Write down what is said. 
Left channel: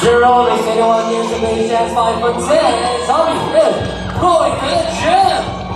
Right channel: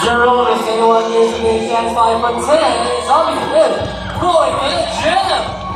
0 is 21 years of age, that's 5 foot 10, and his hobby is going to the gym.